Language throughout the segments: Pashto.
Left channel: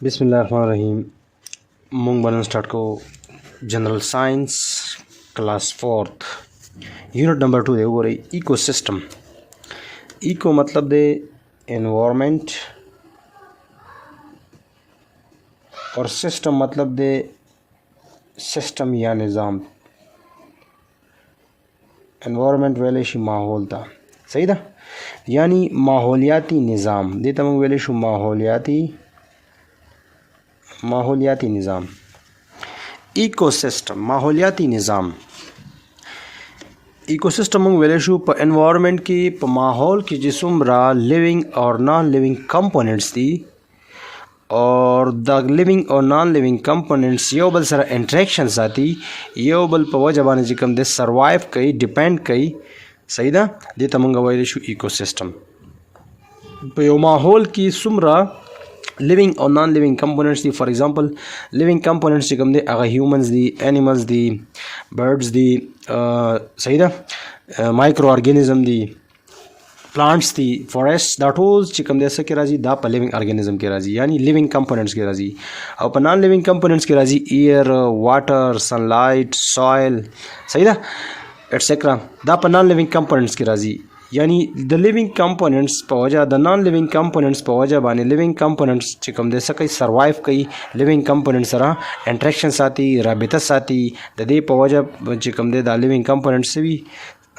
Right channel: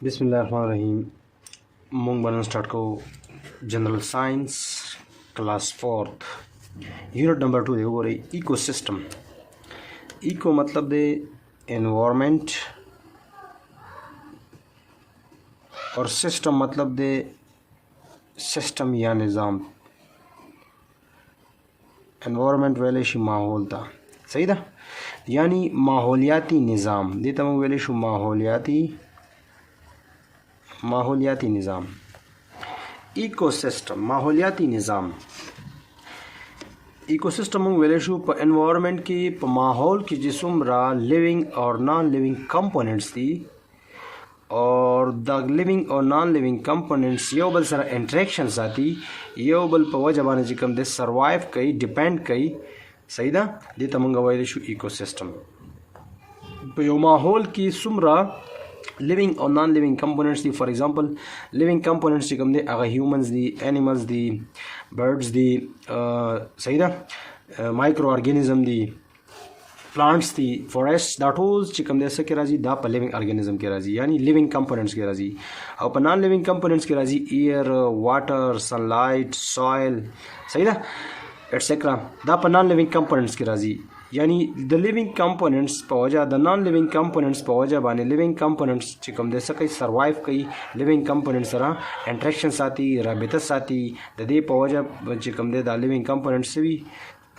बिस्मिल्लाहिर्रहमानिर्रहीम। मूंग बनन स्टार्ट को general science class fourth unit number 2 दे वो रही इको सिस्टम। इको मतलब दे एनवायरनमेंट और सिस्टम मतलब दे सिस्टम या निज़ाम। एनवायरनमेंट वेले शु माहौल था, सही था, यानी माहौलियाती निज़ाम दे तमंग वेले शु माहौलियाती निज़ाम। इकोसिस्टम माहौलियाती निज़ाम। इकोसिस्टम वेले शु प एनवायरनमेंट की प माहौल की जिसुमरा लिविंग और नॉन लिविंग कंपोनेंट्स थी और द लिविंग और नॉन लिविंग कंपोनेंट्स यो बल सर इंटरेक्शंस आती यो बल प वजह बाने जिकम दे सर्वाइव कई डिपेंड कई, सही दा दे तमंग वेले शु इकोसिस्टम। प यो माहौल की सुमरा लिविंग और non living components the. For example living components जिकम दे अगर ह्यूमंस दी, एनिमल्स दी, बर्ड्स दी, सही दा micro organism the, plants the, forest that holes चिकम दे से के राजी दा प लिविंग ऑर्गेनिज्म के राजी यानी लिविंग कंपोनेंट्स के राजी। और प नॉन लिविंग कंपोनेंट्स के राजी एयर, वाटर, सनलाइट, सॉइल, सही दा एटसेट्रा दा प नॉन लिविंग कंपोनेंट्स के राजी यानी द लिविंग कंपोनेंट्स प वजह द नॉन लिविंग कंपोनेंट्स प वजह बाने लिविंग कंपोनेंट्स चिकम दे सके सर्वाइव कई लिविंग कंपोनेंट्स सरा इंटरेक्शंस आती, राबितस आती द दे प वजह चिकम दे द लिविंग कंपोनेंट्स से भी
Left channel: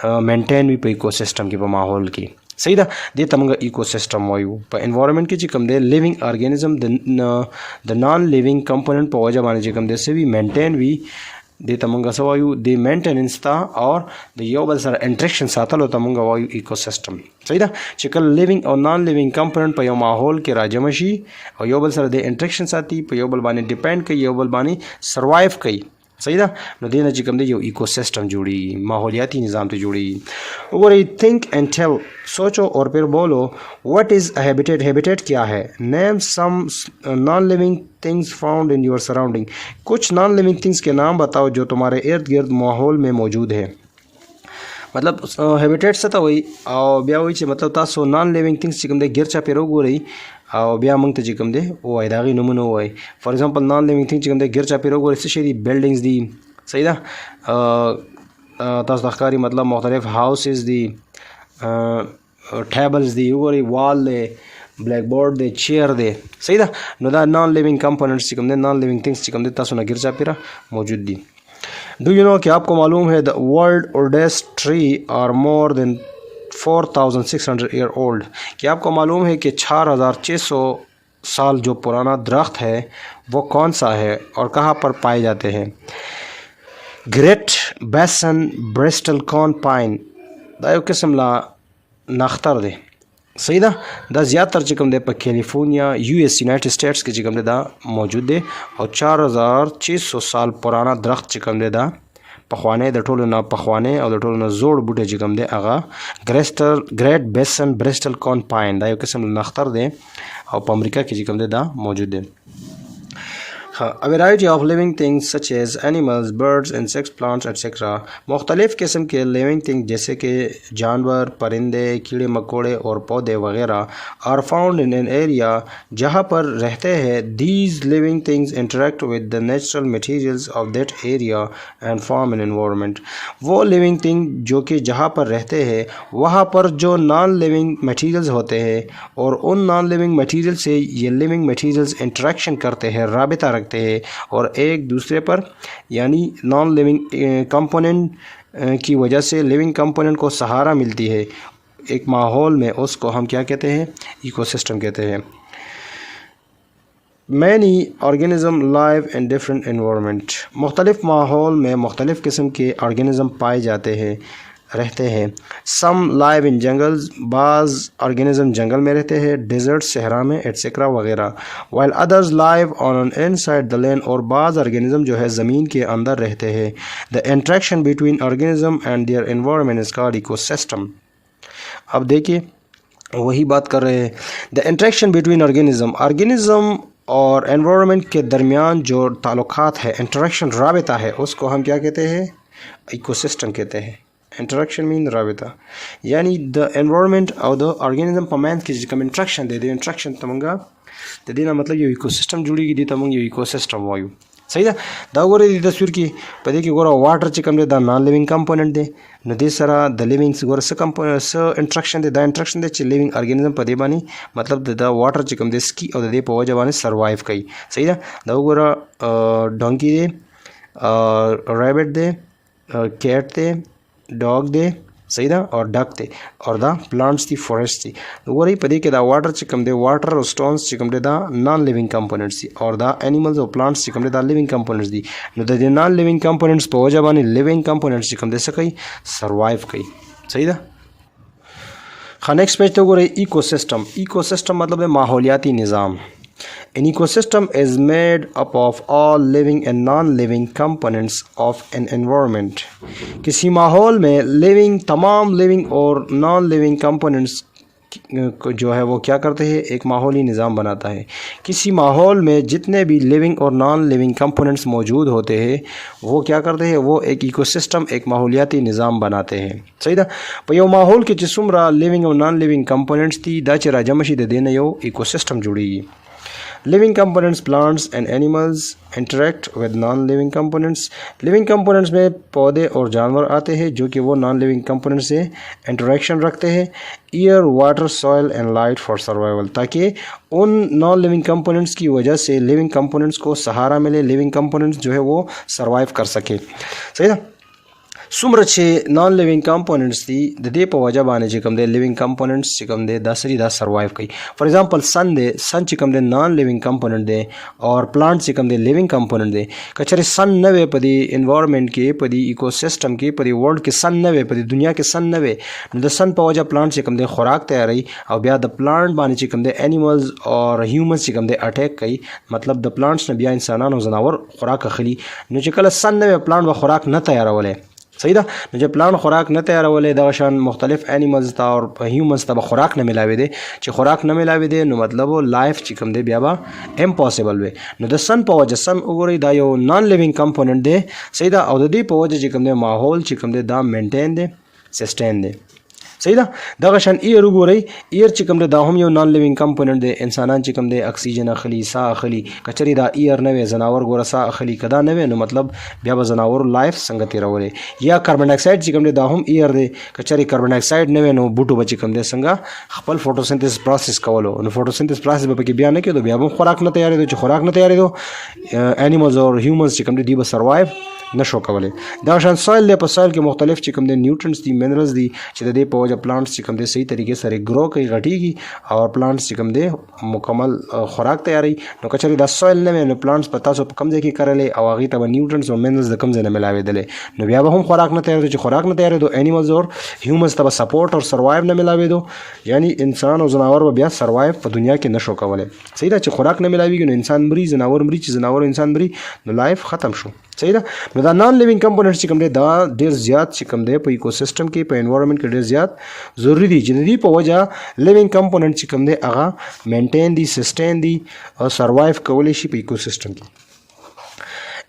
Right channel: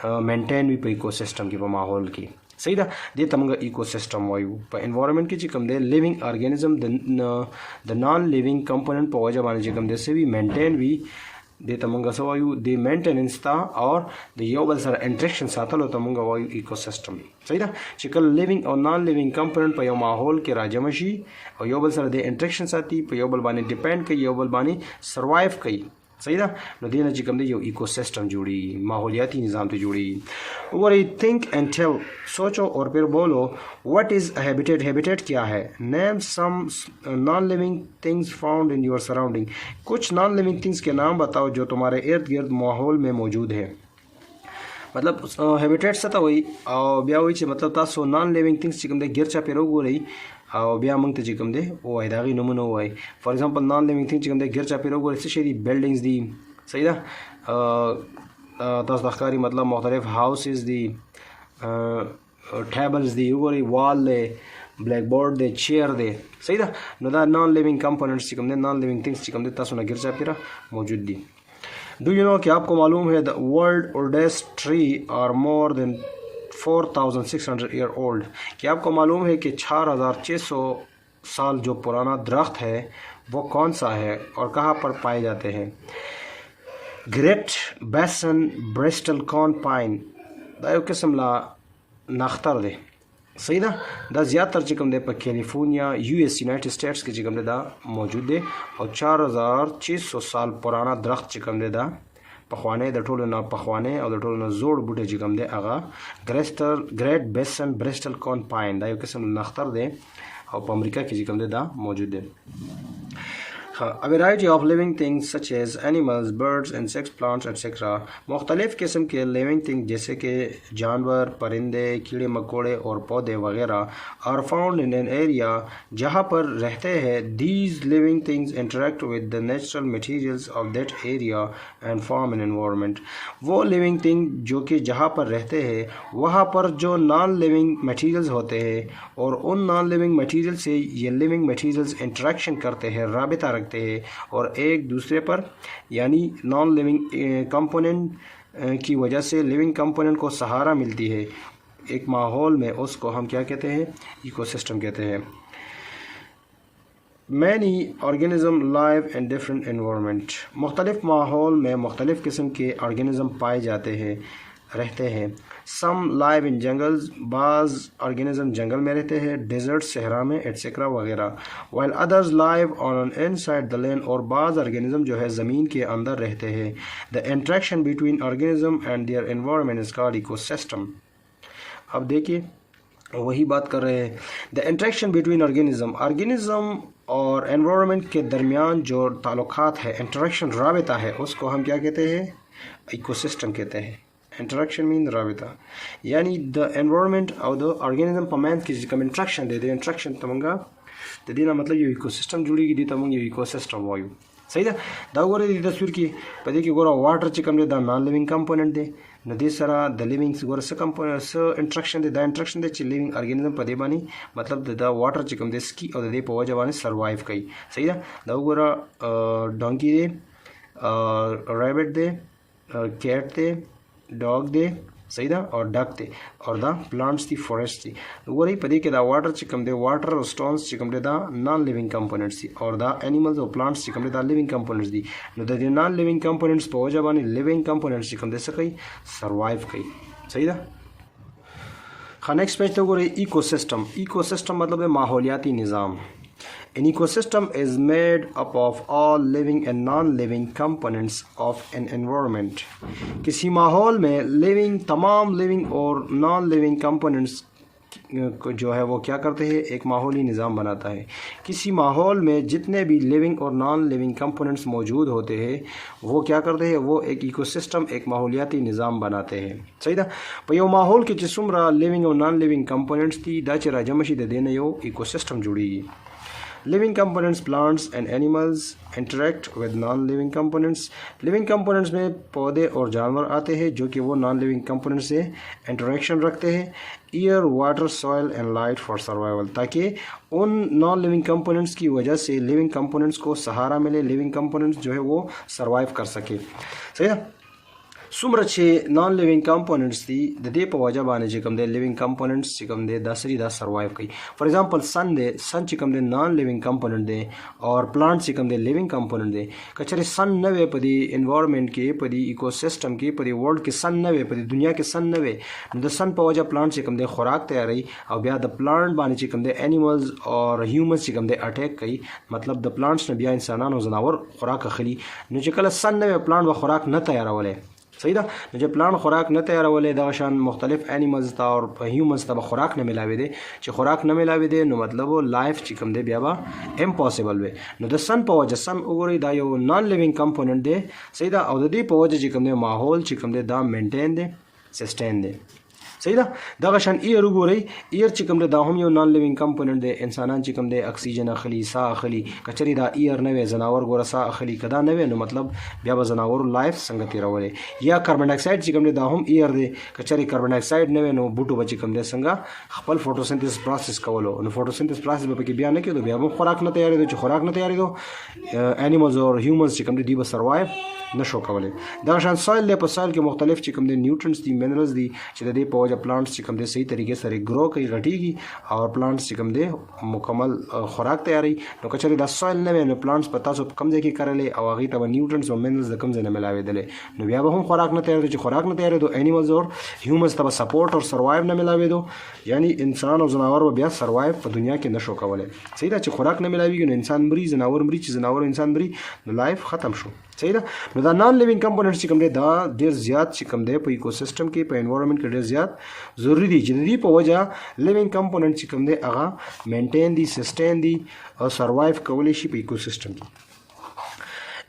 मेंटेन भी प इकोसिस्टम के प माहौल की, सही दा दे तमंगा इकोसिस्टम वायु प एनवायरनमेंट की चिकम दे living organism the non living component प वजह बाने चिकम दे से भी मेंटेन भी दे तमंगा सवायु दे मेंटेनेंस था और दे योबल सर इंटरेक्शन साथलो तमंगा वायु इकोसिस्टम, सही दा चिकल लिविंग और नॉन लिविंग कंपोनेंट प यो माहौल के राजमशी और योबल सर दे इंटरेक्शन साथी प योबल बाने डिपेंड कई योबल बाने सर्वाइव कई, सही दा न देना चिकम दे यो इकोसिस्टम जुड़ी माहौलियाती निज़ाम तो जुड़ी। और थिंक एंड टेल सोचो और फिर बोलो व्हाट इज़ हैबिटेट। हैबिटेट क्या है? Name some non living things found in your surrounding. कुछ नॉन लिविंग थिंग्स के नाम बताओ जो तुम्हारे इर्द गिर्द माहौल में मौजूद है। मतलब हैबिटेट से तो वही और ब्या वही मतलब तासो नॉन लिविंग थिंग्स चिकम दे गिरचा पेरो गो रही और ब्या मंग ते चिकम दे ओ आई दागी नमूना ओ आई। For example non living thing चिकम दे गिरचा पेरो गो रही से बिल्डिंग्स दी, सही दा तास दखकारी मतलब मुख्तलिफ हाउसेस दी, टेबल्स दी, वो रही वॉल दे, ब्लैक बोर्ड दे, चेयर दे, सही दा नो दा नॉन लिविंग कंपोनेंट्स चिकम दे नॉन लिविंग थिंग्स चिकम दे तासो ना गिरचा पेरा मौजूद दी। डू यू नो कि आपको मालूम है the world oldest tree are more than 4600 year old. कि आपको मालूम है कि 4600 साल जो पुराना दरख्त है वो कौन सा है और कहाँ पर पाए जाते हैं। ग्रेट बेसन ब्रिस्टल कॉर्न पाइन दा यो किस्म ला नख्तर दे, सही दा दा ज़्यादातर चिकम दे पर कैलिफोर्निया यूएस यूनाइटेड स्टेट्स के चिकम दे दा मौजूद दे और 4600 साल पुराना दरख्त चिकम दे दा पखवाने द टोल ना पखवाने और द टोल ना जोड़ बूटे चिकम दे आगा ग्रेट बेसन ब्रिस्टल कॉर्न पाइन दा यो किस्म नख्तर दे और अमेरिका के चिकम दे दा मौजूद दे। A variety of living things such as animals, birds, insects, plants, etc. मुख्तलिफ़ किस्म के लिविंग थिंग जैसे कि जानवर, परिंदे, कीड़े मकोड़े और पौधे वगैरह are found in an area जहाँ पर रहते हैं। These living things interact with the natural materials of that area and form an environment. वो लिविंग थिंग जो कि जहाँ पर रहते हैं वहाँ पर जो नॉन लिविंग मटीरियल्स होते हैं और उन नॉन लिविंग मटीरियल से ये लिविंग मटीरियल्स इंटरेक्शन करते हैं, राबिता रखते हैं और एक दूसरे पर यानी नॉन लिविंग कंपोनेंट की वजह से लिविंग कंपोनेंट को सहारा मिलती है एक माहौल में, उसको हम क्या कहते हैं? इकोसिस्टम कहते हैं। Many organism live in different environment. मुख्तलिफ माहौल में मुख्तलिफ़ किस्म के ऑर्गेनिज्म पाए जाते हैं, रहते हैं। सम लाइव इन जंगल्स, बाज़ ऑर्गेनिज्म जंगल में रहते हैं, डेजर्ट सहरा में एटसेट्रा वगैरह। While others live on inside the land, और बाज़ ऑर्गेनिज्म जो है ज़मीन के अंदर रहते हैं। The interaction between organism and their environment is called ecosystem. अब देखिए वही बात कर रहे हैं, द इंट्रैक्शन बिटवीन ऑर्गेनिज्म और एनवायरनमेंट के दरमियान जो ताल्लुकात है, इंटरेक्शन राबिता है, उसको हम क्या कहते हैं? इकोसिस्टम कहते हैं। इंटरेक्शन मीन राबिता यानी द एनवायरनमेंट और द ऑर्गेनिज्म पमैन की जिकम इंट्रैक्शन दे इंट्रैक्शन तमंगा د دې نه مطلب یو ایکوسیستم جوړیږي، دې ته موږ یو ایکوسیستم وایو. صحیح ده. دا وګورئ د تصویر کې په دې کې ګوره واټر چې کوم دی دا نان لیوینګ کمپوننټ دی، نو دې سره د لیوینګ ګوره څه انټراکشن دی، دا انټراکشن دی چې لیوینګ ارګانیزم په دې باندې مطلب د واټر چې کوم دی سکي او د دې په وجه باندې سروایو کوي. صحیح ده. دا وګوره ډونکی دی، ریبټ دی، کیټ دی، ډاګ دی، صحیح ده، اور ډک دی، اور دا پلانټس دی، فورسٹ دی. وګورئ په دې کې دا واټر چې کوم دی، واټر او سټونز چې کوم دی دا نان لیوینګ کمپوننټس دي، اور دا انیملز او پلانټس چې کوم دی دا لیوینګ کمپوننټس دي. نو د دې نان لیوینګ کمپوننټس په وجه باندې لیوینګ کمپوننټس چې کوم دی څه کوي، سروایو کوي. صحیح ده. ښه نیکسٹ پیج ته وګورئ ایکوسیسټم. ایکوسیسټم مطلب دی ماحولیاتی نظام. An ecosystem is made up of all living and non-living components of an environment. किसी माहौल में तमाम living और non-living components जो है वो क्या करते हैं, एक माहौली निज़ाम बनाता है. किसी माहौल में जितने भी लिविंग और नॉन लिविंग कंपोनेंट्स मौजूद होते हैं वो क्या करते हैं, वो एक इकोसिस्टम, एक माहौलियाती निज़ाम बनाते हैं. सही था. पर यो माहौल के जिसुमरा लिविंग और नॉन लिविंग कंपोनेंट्स थी दा च राजमशी दे देना यो इकोसिस्टम जुड़ेगी. Living components, plants and animals interact with non-living components. Living components में पौधे और जानवर आते हैं जो कि वो non-living components से interaction रखते हैं. Air, water, soil and light for survival. ताकि उन non-living components की वजह से living components को सहारा मिले, living components जो है वो survive कर सके. सही ना. څومره چې نان لیوینګ کمپوننټس دي د دې په وجه باندې چې کوم دی لیوینګ کمپوننټس چې کوم دی دا سری دا سروایو کوي. فار ایگزامپل سن دی، سن چې کوم دی نان لیوینګ کمپوننټ دی اور پلانټ چې کوم دی لیوینګ کمپوننټ دی. که چېرې سن نه وی په دې انوایرمنټ کې، په دې ایکوسیسټم کې، په دې ورلډ کې سن نه وی، په دې دنیا کې سن نه وی، نو د سن په وجه پلانټ چې کوم دی خوراک تیاروي او بیا د پلانټ باندې چې کوم دی انیملز اور هیومنز چې کوم دی اٹیک کوي. مطلب د پلانټس نه بیا انسانان او ځناور خوراک اخلي. نو چې کله سن نه وی پلانټ به خوراک نه تیارولی. صحیح ده. نو چې پلان خوراک نه تیارولې دغه شان مختلف انیملز ته او هیومنز ته به خوراک نه ملاوي دي. چې خوراک نه ملاوي دي نو مطلب لایف چې کوم دی بیا به امپوسیبل وي. نو د سن په وجه، سن وګورئ دا یو نان لیوینګ کمپوننټ دی. صحیح ده. او د دې په وجه چې کوم دی ماحول چې کوم دی دا مینټین دی، سسټین دی. صحیح ده. دغه شان ایر وګورئ، ایر چې کوم دی دا هم یو نان لیوینګ کمپوننټ دی. انسانان چې کوم دی اکسیجن اخلي، ساه اخلي. که چېرې دا ایر نه وي ځناور ګوره ساه اخلي، که دا نه وي نو مطلب بیا به ځناورو لایف څنګه تېرولی. یا کاربن ډای اکساید چې کوم دی دا هم ایر دی. که چېرې کاربن ډای اکساید نه وي نو بوټو به چې کوم دی څنګه خپل فوټوسنتھیسس پروسس کولو. نو فوټوسنتھیسس پروسس به پکې بیا نه کېدو، بیا به خوراک نه تیارېدو. چې خوراک نه تیارېدو انیملز او هیومنز چې کوم دی دوی به سروایو نشو کولی. دا شان سویل دی. په سویل کې مختلف چې کوم دی نیوټرنټس دي، منرلز دي چې د دې په وجه پلانټس چې کوم دی صحیح طریقې سره ګرو کوي، غټیږي او پلانټس چې کوم دی مکمل خوراک تیاری. نو که چېرې دا سویل نه وي نو پلانټس په تاسو په کوم ځای کې کرلی او هغې ته به نیوټرنټس او منرلز د کوم ځای نه ملاوېدلی، نو بیا به هم خوراک نه تیارېدو. چې خوراک نه تیارېدو انیملز او هیومنز ته به سپورټ او سروایو نه ملاوېدو، یعنی انسان او ځناور به بیا سروایو په دنیا کې نشو کولی. صحیح ده. چې خوراک نه ملاوېږي نو انسان مري، ځناور مري. چې ځناور انسان مري نو لایف ختم شو. صحیح ده. نو دا نان لیوینګ کمپوننټس چې کوم دی دا ډېر زیات چې کوم دی په ایکوسیسټم کې، په انوایرمنټ کې ډېر زیات ضروري دي چې د دې په وجه لیوینګ کمپوننټ چې کوم دی هغه مینټین دي، سسټین دي او سروایو کولی شي په ایکوسیسټم کې.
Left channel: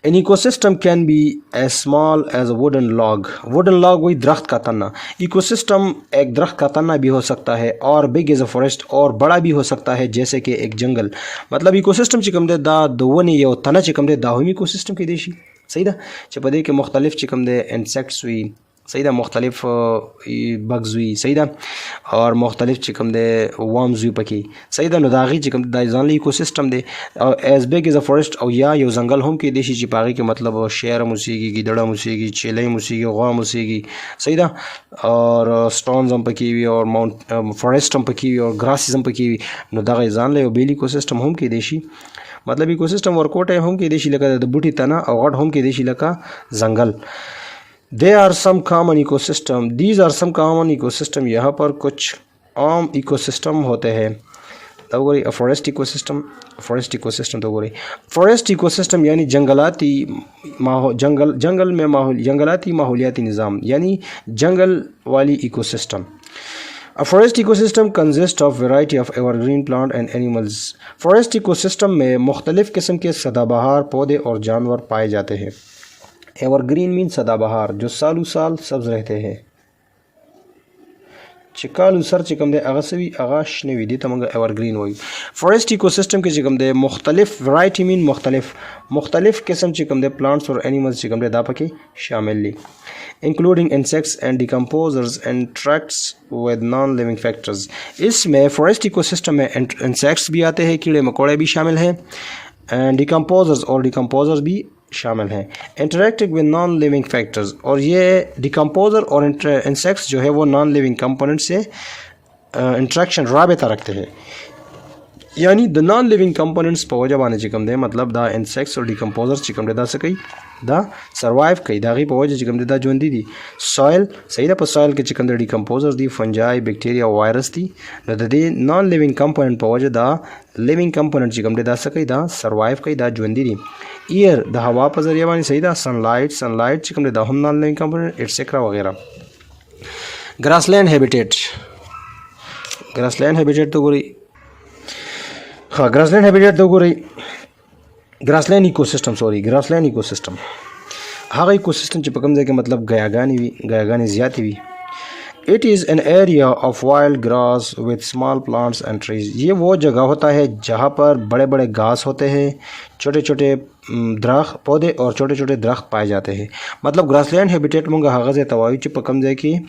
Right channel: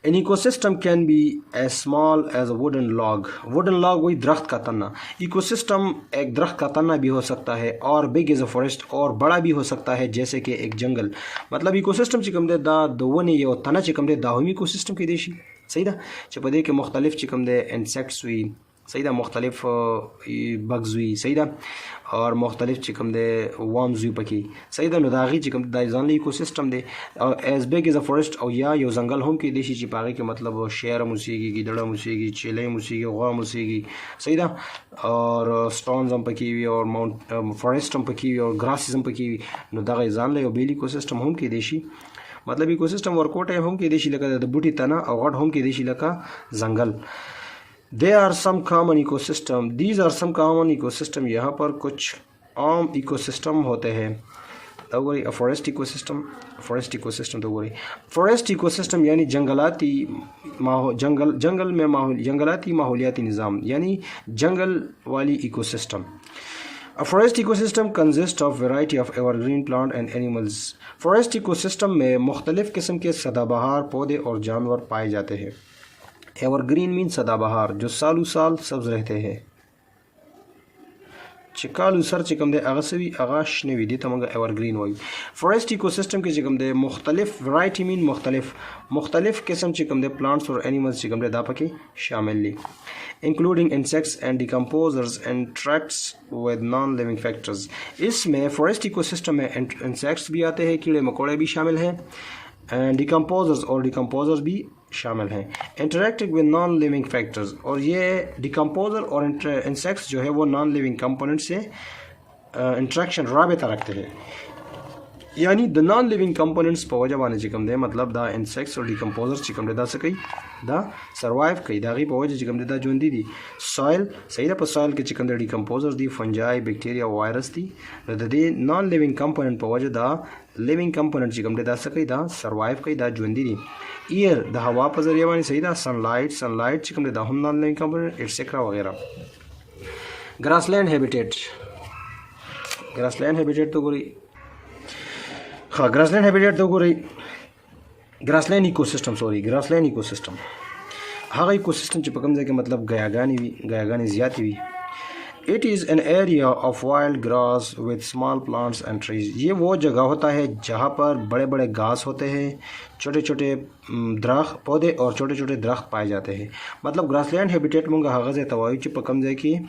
An ecosystem can be as small as a wooden log. Wooden log वही दरख्त का तना. इकोसिस्टम एक दरख्त का तना भी हो सकता है और बिग एज अ फॉरेस्ट, और बड़ा भी हो सकता है जैसे कि एक जंगल. मतलब इकोसिस्टम चिकम दे दा दोवनी यो तना चिकम दे दाहुमी इकोसिस्टम की देशी. सही दा. चपदे के मुख्तलिफ चिकम दे इंसेक्ट्स हुई. सही दा. मुख्तलिफ बग्स हुई. सही दा. और मुख्तलिफ चिकम दे वर्म्स हुई पकी. सही दा. नुदागी चिकम दा जानली इकोसिस्टम दे as big as a forest और या यो जंगल हम के देशी चिपागी के मतलब शेर मुसीगी, गिदड़ा मुसीगी, चेले मुसीगी, गवा मुसीगी. सही दा. और स्टोन्स हम पकी हुई और माउंट फॉरेस्ट हम पकी हुई और ग्रासेस हम पकी हुई. नुदागी जानले बेल इकोसिस्टम हम के देशी मतलब इकोसिस्टम वर्कआउट है हम के देशी लगा द बूटी तना और हम के देशी लगा जंगल. There are some common ecosystem. These are some common ecosystem. यहाँ पर कुछ आम इकोसिस्टम होते हैं. तो बोली फॉरेस्ट इकोसिस्टम. फॉरेस्ट इकोसिस्टम तो बोली फॉरेस्ट इकोसिस्टम यानी जंगलाती माहौल, जंगल में माहौल, जंगलाती माहौलियाती निज़ाम यानी जंगल वाली ecosystem. A forest ecosystem consists of variety of evergreen plant and animals. Forest ecosystem में मुख्तलिफ़ किस्म के सदाबहार पौधे और जानवर पाए जाते हैं. एवरग्रीन मीन सदाबहार, जो सालों साल सब्ज रहते हैं. چې کالو سر چې کوم دی هغه سوي هغه شنه وي دي ته موږ ایورګرین وایو. فورسټ ایکوسیستم کې چې کوم دی مختلف ورایټي مین مختلف قسم چې کوم دی پلانټس اور انیملز چې کوم دی دا پکې شامل دي including insects and decomposers interacts with non-living factors. इसमें फॉरेस्ट इकोसिस्टम में इंसेक्ट्स भी आते हैं, कीड़े मकोड़े भी शामिल हैं, एंड डिकम्पोजर्स और डिकम्पोजर्स भी शामिल हैं. Interacting with non living factors, और ये डिकम्पोजर और इंसेक्ट्स जो है वो नॉन लिविंग कंपोनेंट से इंट्रैक्शन राबता रखते हैं. यानी द नॉन लिविंग कंपोनेंट्स पे वजह बाने चिकम दे मतलब द इंसेक्ट्स और डिकम्पोजर्स चिकम दे दा सकी दा सर्वाइव कई दागी पे वजह चिकम दे दा जोंदी दी सॉइल सही दा पर सॉइल के चिकम दे डिकम्पोजर्स दी फंजाई बैक्टीरिया वायरस दी द दे नॉन लिविंग कंपोनेंट पे वजह दा लिविंग कंपोनेंट चिकम दे दा सकी दा सर्वाइव कई दा जोंदी दी. ईयर द हवा पर जरिए बानी सही दा सनलाइट चिकम दे दा हम नॉन लिविंग कंपोनेंट एटसेट्रा वगैरह. ग्रासलैंड हैबिटेट तो गोरी हाँ ग्रासलैंड हैबिटेट तो गोरी ग्रासलैंड इकोसिस्टम हाँ इकोसिस्टम چې په کوم ځای کې मतलब غیاګانې زیاتې وي. It is an area of wild grass with small plants and trees. ये वो जगह होता है जहाँ पर बड़े बड़े घास होते हैं, छोटे छोटे दरख्त पौधे और छोटे छोटे दरख्त पाए जाते हैं. मतलब ग्रासलैंड हैबिटेट मूंगा हगा ځای ته وایو چې په کوم ځای کې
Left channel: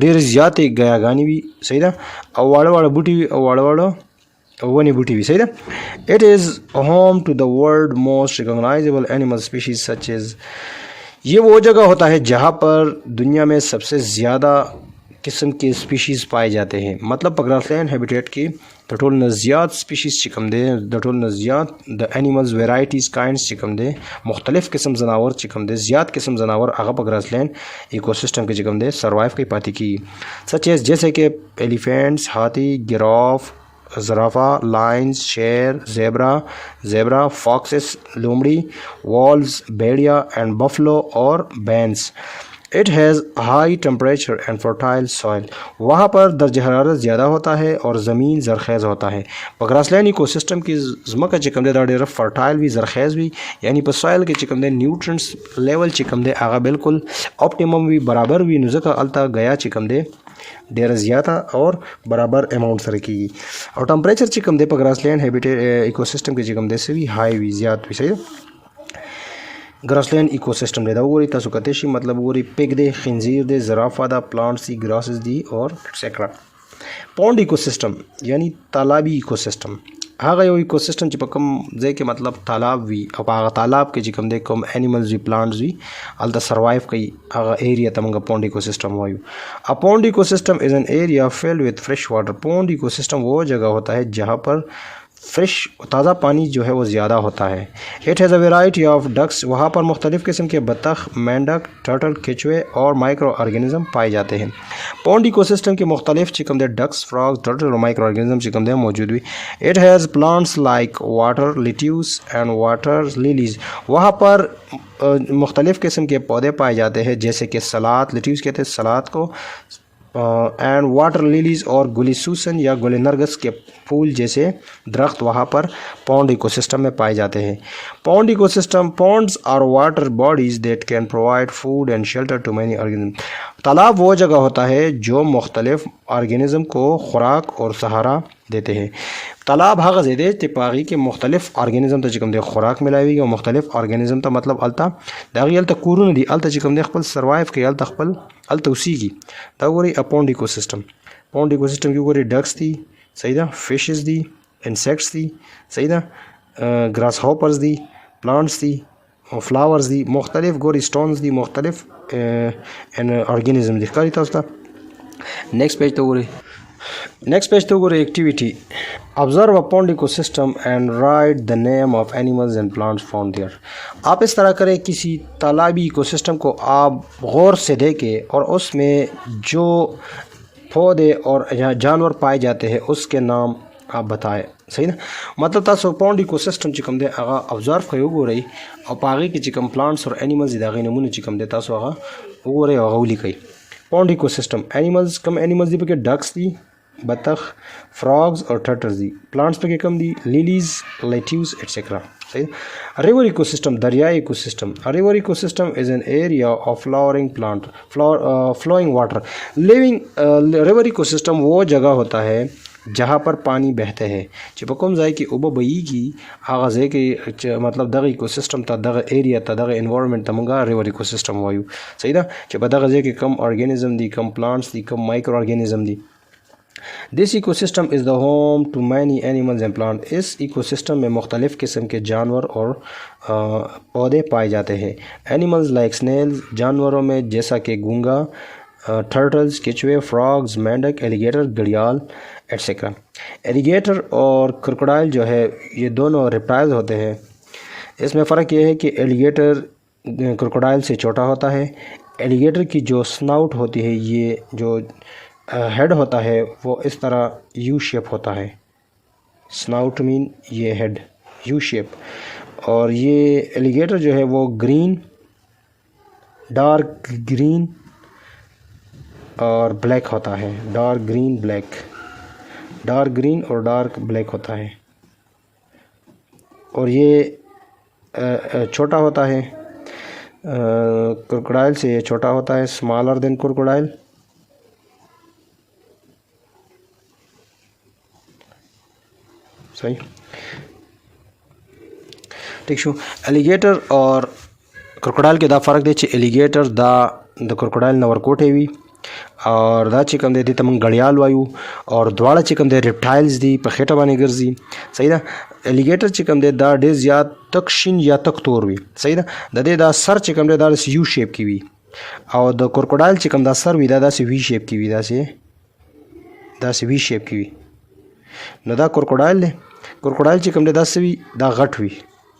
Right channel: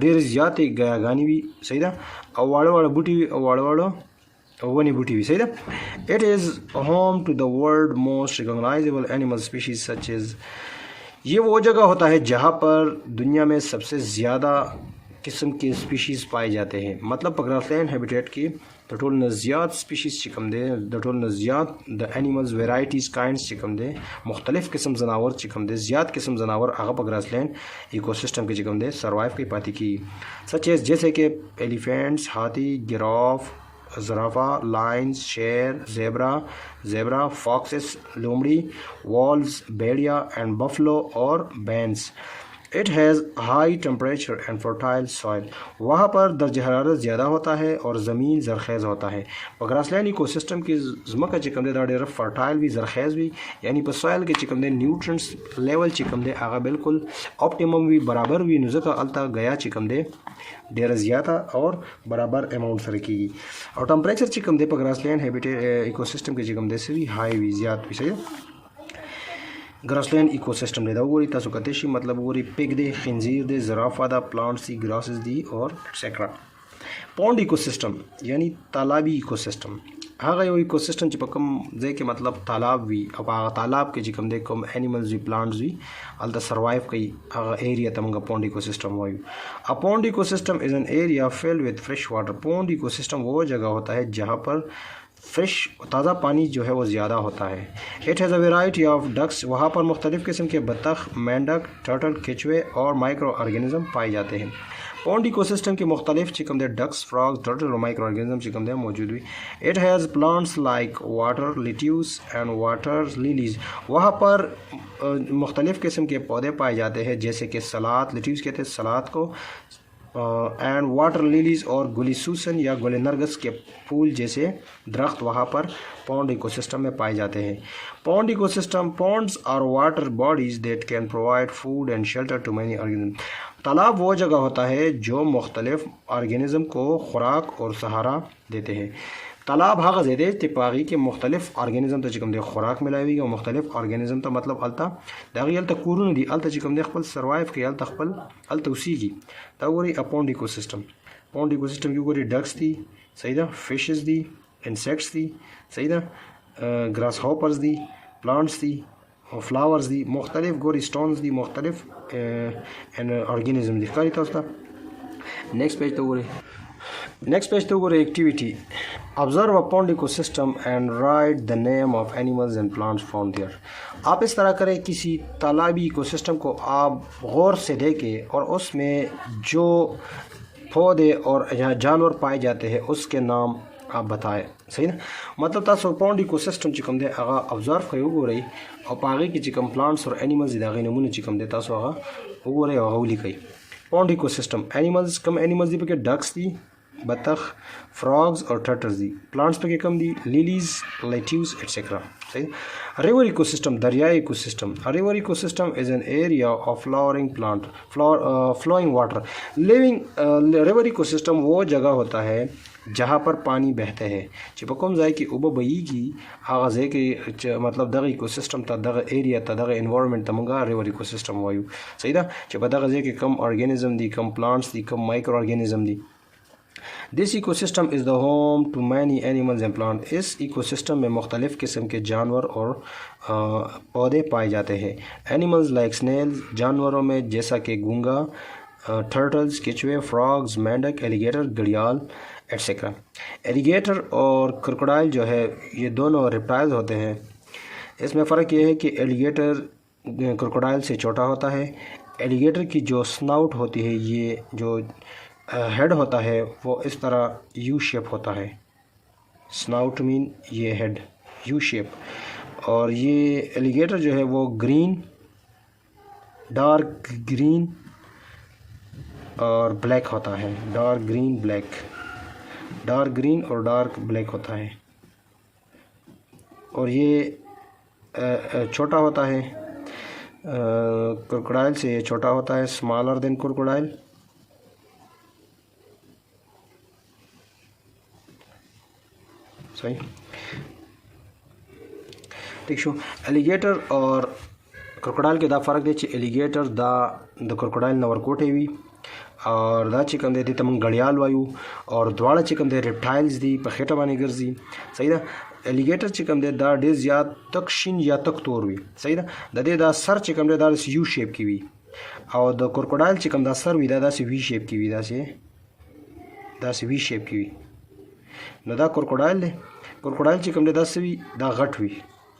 ډېرې زیاتې غیاګانې وي صحیح ده او واړه بوټي وي او واړه ونی بوټي وي صحیح ده. اٹ از ہوم ٹو دا ورلڈ موسٹ ریکگنائزیبل اینیمل اسپیشیز سچ ایز. یہ وہ جگہ ہوتا ہے جہاں پر دنیا میں سب سے زیادہ قسم کے اسپیشیز پائے جاتے ہیں. مطلب ग्रासलैंड हैबिटेट की د ټول نه زیات سپیشیز چې کوم دی د ټول نه زیات د انیملز ویرایټیز کاینډز چې کوم دی مختلف قسم زناور چې کوم دی زیات قسم زناور هغه په ग्रासलैंड ایکوسسٹم کې چې کوم دی سروایو کوي پاتې کیږي. سچ ایز جیسے کہ ایلیفینٹس ہاتھی گراف زرافہ لائنز شیر زیبرا فاکسس لومڑی وولز بیڑیا اینڈ بفلو اور بینس. اٹ ہیز ہائی ٹمپریچر اینڈ فرٹائل سوائل. وہاں پر درجہ حرارت زیادہ ہوتا ہے اور زمین زرخیز ہوتا ہے. په ग्रासलैंड ایکوسسٹم کې ځمکه چې کوم دی دا ډېره فرټایل وي زرخیز وي یعنی په سوایل کې چې کوم دی نیوټرنټس لیول چې کوم دی هغه بالکل اپټیمم وي برابر وي نو ځکه هلته غیا چې کوم دی ډېره زیاته اور برابر اماؤنٹ سره کیږي. او ټمپریچر چې کوم دی په ग्रासलैंड ایکوسسٹم کې چې کوم دی سوي های وي زیات وي صحیح. Grassland ecosystem دی دا وګورئ تاسو کته شي مطلب وګورئ پیګ دی خنزیر دی زرافه دا پلانټس دی ګراسز دی اور ایٹسیټرا. پونډ ایکوسسٹم یعنی تالابی ایکوسسٹم هغه یو ایکوسسٹم چې په کوم ځای کې مطلب تالاب وي او هغه تالاب کې چې کوم دی کوم انیملز وي پلانټس وي هلته سروایو کوي هغه ایریا ته موږ پونډ ایکوسسٹم وایو. ا پونډ ایکوسسٹم از این ایریا فلڈ وتھ فریش واٹر. پونڈ ایکوسسٹم وہ جگہ ہوتا ہے جہاں پر فریش تازہ پانی جو ہے وہ زیادہ ہوتا ہے. اٹ ہیز اے ویرائٹی آف ڈکس. وہاں پر مختلف قسم کے بطخ مینڈک ٹرٹل کیچوے اور مائکرو آرگینزم پائے جاتے ہیں. پونڈ ایکوسسٹم کے مختلف چکم دے ڈکس فراگ ٹرٹل اور مائکرو آرگینزم چکم دے موجود ہوئی. اٹ ہیز پلانٹس لائک واٹر لیٹیوس اینڈ واٹر لیلیز. وہاں پر مختلف قسم کے پودے پائے جاتے ہیں جیسے کہ سلاد لیٹیوس کہتے ہیں سلاد کو اینڈ واٹر لیلیز اور گلی سوسن یا گل نرگس کے پھول جیسے درخت وہاں پر پونڈ ایکوسسٹم میں پائے جاتے ہیں. پونڈ ایکوسسٹم پونڈز اور واٹر باڈیز دیٹ کین پرووائڈ فوڈ اینڈ شیلٹر ٹو مینی آرگینزم. تالاب وہ جگہ ہوتا ہے جو مختلف آرگینزم کو خوراک اور سہارا دیتے ہیں. تالاب هغه ځای دی چې په هغې کې مختلف آرګینزم ته چې کوم دی خوراک میلاویږي او مختلف آرګینزم ته مطلب هلته د هغې هلته کورونه دي هلته چې کوم دی خپل سروایو کوي هلته هلته اوسیږي. دا وګورئ پونډ ایکوسسټم. پونډ ایکوسسټم کې وګورئ ډکس دي صحیح ده فشز دي انسیکټس دي صحیح ده ګراس هاپرز دي پلانټس دي فلاورز دي مختلف ګورئ سټونز دي مختلف آرګینزم دي ښکاري تاسو ته. نیکسٹ پیج ته وګورئ. نیکسٹ پیج تو گورے ایکٹیویٹی آبزرو اے پونڈ ایکو سسٹم اینڈ رائٹ دا نیم آف اینیملز اینڈ پلانٹس فاؤنڈ دیئر. آپ اس طرح کریں کسی تالابی ایکو سسٹم کو آپ غور سے دیکھیں اور اس میں جو پودے اور جانور پائے جاتے ہیں اس کے نام آپ بتائیں صحیح نا. مطلب تاسو پونډ ایکوسسټم چې کوم دی هغه ابزرو کوئ وګورئ او په هغې کې چې کوم پلانټس اور انیملز دي د هغې نومونه چې کوم دی تاسو هغه وګورئ او هغه ولیکئ. پونډ ایکوسسټم انیملز کوم انیملز دي پکې ډکس دي बतख, फ्रॉग्स और टर्टल्स दी। प्लांट्स पे कम दी लिलीज, लेट्यूस एटसेट्रा। सही। रिवर इकोसिस्टम, दरियाई ecosystem. River ecosystem is an area of flowering plant flowing water living. River ecosystem वो जगह होता है जहाँ पर पानी बहते हैं چې په کوم ځای کې اوبه بهیږي هغه ځای کې چې مطلب دغه ایکوسیستم ته دغه ایریا ته دغه انوایرنمنت ته موږ ریور ایکوسیستم وایو. صحیح ده چې په دغه ځای کې کم ارګانیزم دي، کم پلانټس دي، کم مایکرو ارګانیزم دي. This ecosystem is the home to many animals and plants. इस इकोसिस्टम में मुख्तलिफ किस्म के जानवर और पौधे पाए जाते हैं. एनिमल्स लाइक स्नेल्स, जानवरों में जैसा कि गूंगा, टर्टल्स, केचुए, फ्रॉग्स, मेंढक, एलिगेटर, घड़ियाल एटसेट्रा. एलिगेटर और क्रोकोडाइल जो है ये दोनों रेप्टाइल्स होते हैं. इसमें फ़र्क ये है कि एलिगेटर क्रोकोडाइल से छोटा होता है. एलिगेटर की जो स्नाउट होती है, ये जो हेड होता है वो इस तरह यू शेप होता है. स्नाउट मीन ये हेड यू शेप. और ये एलिगेटर जो है वो ग्रीन, डार्क ग्रीन और ब्लैक होता है. Dark green black, dark green और डार्क ब्लैक होता है. और ये छोटा होता है, क्रोकोडाइल से ये छोटा होता है, स्मॉलर देन क्रोकोडाइल. सही ठीक शो. एलिगेटर और क्रोकोडाइल के दा फ़र्क दे چې एलिगेटर دا د क्रोकोडाइल نه ورکوټې وي और دا چې کوم دی دې ته موږ غړیال وایو. اور دواړه چې کوم دی ریپټایلز دي، په خېټه باندې ګرځي. صحیح ده. एलिगेटर چې کوم دی دا ډېر زیات تک شین یا تک تور وي. صحیح ده. د دې دا سر چې کوم دی دا یو شیپ کې وي او د क्रोकोडाइल چې کوم دا سر وي دا داسې وی شیپ کې وي. داسې وی شیپ کې وي. نو دا क्रोकोडाइल دی. क्रोकोडाइल چې کوم دی داسې وي دا غټ وي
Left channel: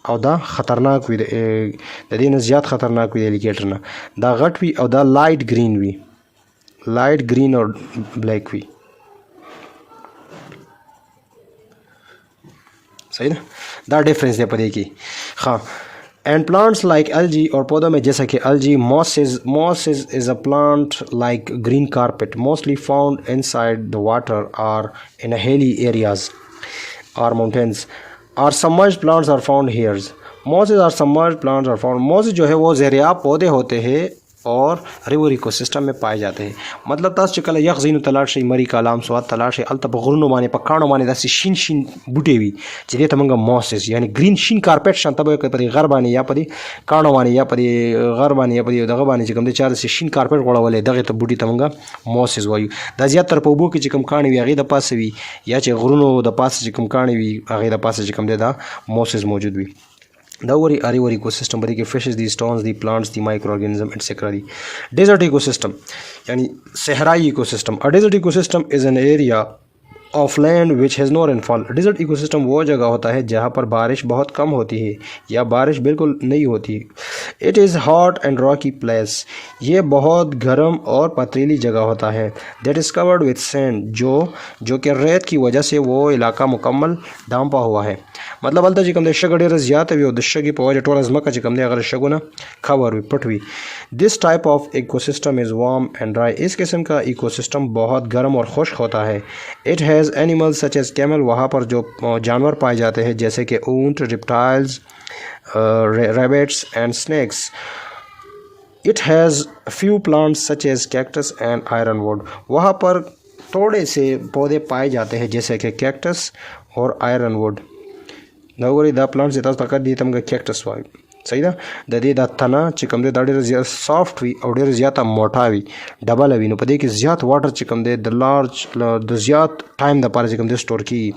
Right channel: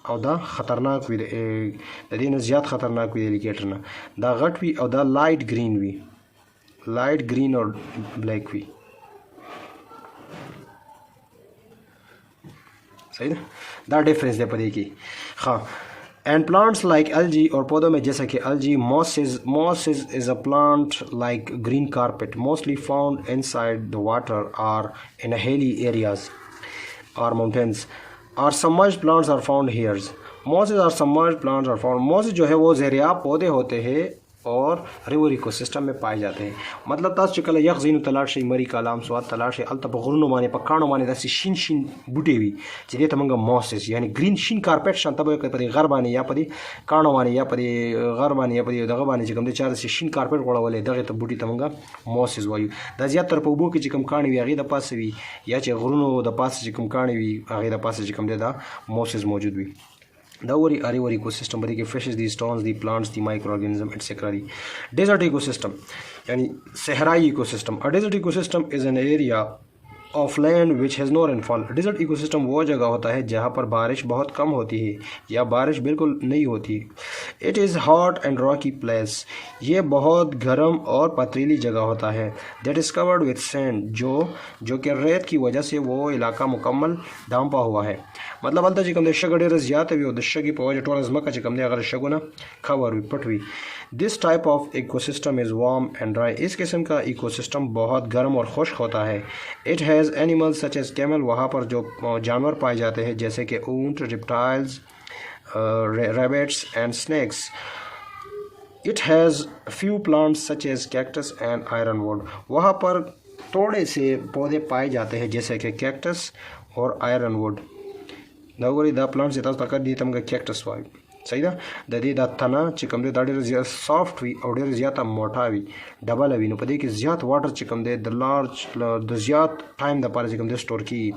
او دا خطرناک وي، د دې نه زیات خطرناک وي. एलिगेटर نه دا غټ وي او دا لایټ گرین وي، لایټ گرین اور بلیک وي. صحیح ده. دا ڈفرینس دی په دې کې. ها. And plants like algae और पौधों में जैसा कि algae, mosses is a plant like green carpet mostly found inside the water or in hilly areas or mountains. और submerged plants are found here. mosses और submerged plants are found. mosses जो है वो ज़ेरियाब पौधे होते हैं और रिवर इकोसिस्टम में पाए जाते हैं. मतलब तास چې کله یخ ځینو تلاړ شي، مری کالام سواد تلاړ شي، الته په غرونو باندې په کاڼو باندې داسې شین شین بوټي وي چې دې ته موږ موسس یعنی گرین شین کارپټ شان ته په دې غر باندې یا په دې کاڼو باندې یا په دې غر باندې یا په دې دغه باندې چې کوم د چا داسې شین کارپټ غوړولې دغه ته بوټي ته موږ موسس وایو. دا زیات تر په اوبو کې چې کوم کاڼي وي هغې د پاسه وي یا چې غرونو د پاسه چې کوم کاڼي وي هغې د پاسه چې کوم دی دا موسس موجود وي. دا وری रिवर इकोसिस्टम बड़ी के फिशेस दी, स्टोन्स दी, प्लांट्स दी, माइक्रो ऑर्गेनिज्म एटसेट्रा दी. डेजर्ट इकोसिस्टम यानी सहराई ecosystem. A desert ecosystem is an area of land which has no rainfall. Desert ecosystem वो जगह होता है जहाँ पर बारिश बहुत कम होती है या बारिश बिल्कुल नहीं होती. It is hot and Rocky place. ये बहुत गर्म और पथरीली जगह होता है. That is covered with sand. जो कि रेत की वजह से वो इलाका मुकम्मल ढांपा हुआ है. मतलब हल्ता چې کوم د شګه ډېره زیاته وي او د شګې په وجه ټوله ځمکه چې کوم دی هغه شګونه خاور وي، پټ وي. This type of ecosystem is warm and dry. इस किस्म का इकोसिस्टम बहुत गर्म और खुश्क होता है. It has animals such as camel. वहाँ पर जो जानवर पाए जाते हैं जैसे कि ऊंट, reptiles, rabbits and snakes. It has few plants such as cactus and ironwood. वहाँ पर थोड़े से पौधे पाए जाते हैं जैसे कि कैक्टस और आयरनवुड. دا وګورئ دا پلانټس تاسو ته دې ته موږ کیکټس وایو. صحیح ده. د دې دا تنه چې کوم دی دا ډېره زیات سافټ وي او ډېره زیاته موټا وي، ډبله وي. نو په دې کې زیات واټر چې کوم دی د زیات ټایم دپاره چې کوم دی سټور کېږي.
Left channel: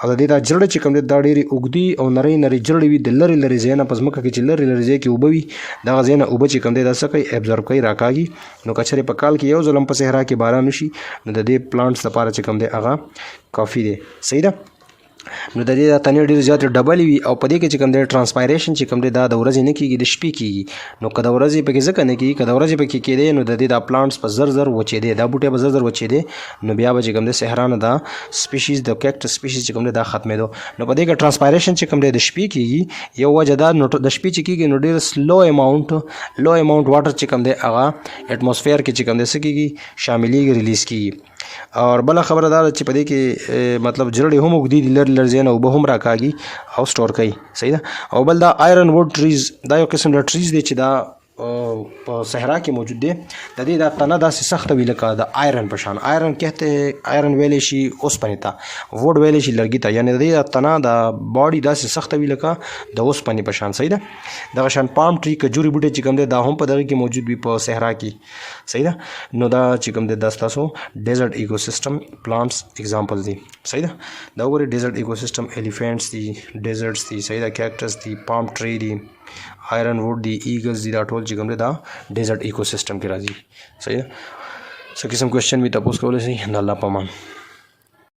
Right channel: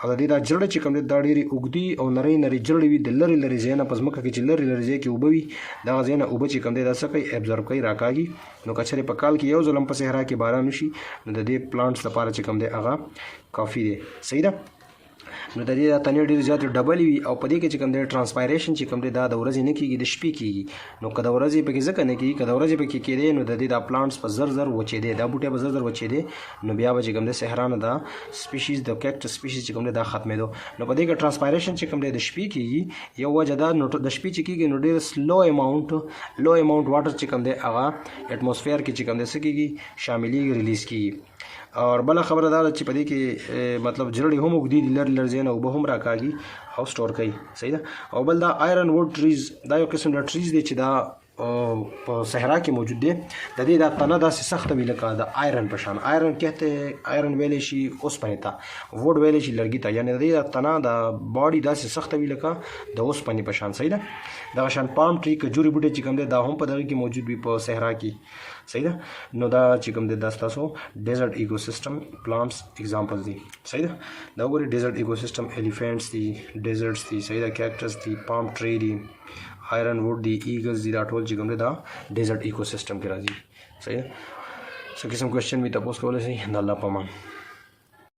او د دې دا جړې چې کوم دی دا ډېرې اوږدې او نرۍ نرۍ جړې وي. د لرې لرې ځای نه په ځمکه کې چې لرې لرې ځای کې اوبه وي دغه ځای نه اوبه چې کوم دی دا څه کوي ابزرو کوي، راکاږي. نو که چېرې په کال کې یو ځل هم په صحرا کې باران وشي نو د دې پلانټس لپاره چې کوم دی هغه کافي دی. صحیح ده. نو د دې دا تنې ډېرې زیاتې ډبلې وي او په دې کې چې کوم دی ټرانسپایریشن چې کوم دی دا د ورځې نه کېږي، د شپې کېږي. نو که د ورځې پکې ځکه نه کېږي، که د ورځې پکې کېدی نو د دې دا پلانټس په زر زر وچېدی، دا بوټی به زر زر وچېدی. نو بیا به چې کوم دی صحرا نه دا سپیشیز د کیکټس سپیشیز چې کوم دی دا ختمېدو. نو په دې کې ټرانسپایریشن چې کوم دی د شپې کېږي. یو وجه دا نو د شپې چې کېږي نو ډېر لو اماونټ واټر چې کوم دی هغه اټماسفیر کې چې کوم دی څه کېږي شاملېږي، ریلیز کېږي. اور بل خبره دا چې په دې کې مطلب جرړې هم وګدي دي لر زین او به هم راکاږي او سٹور کوي صحیح ده. او بل دا آیرن ووډ ټریز دا یو قسم د ټریز دی چې دا په صحرا کې موجود دی. د دې دا تنه داسې سخته وي لکه د آیرن په شان. آیرن کہتے آیرن ویلی شي اوسپنې ته، ووډ ویلی شي لرګي ته، یعنی د دې تنه د باډي داسې سخته وي لکه د اوسپنې په شان صحیح ده. دغه شان پام ټری کجوري بوټي چې کوم دی دا هم په دغه کې موجود وي په صحرا کې صحیح ده. نو دا چې کوم دی دا ستاسو ډیزرټ ایکو سیستم پلانټس اگزامپل دي صحیح ده. دا وګورئ ډیزرټ ایکو سیستم ایلیفینټس دي، ډیزرټس دي صحیح ده، کیکټس دي، پام ټری دي، آیرن ووډ دی، ایګلز دي، دا ټول چې کوم دی دا ډیزرټ ایکو سیستم کې راځي صحیح ده. څه قسم کوېشن وي تاسو کولی شئ. د الله په امان.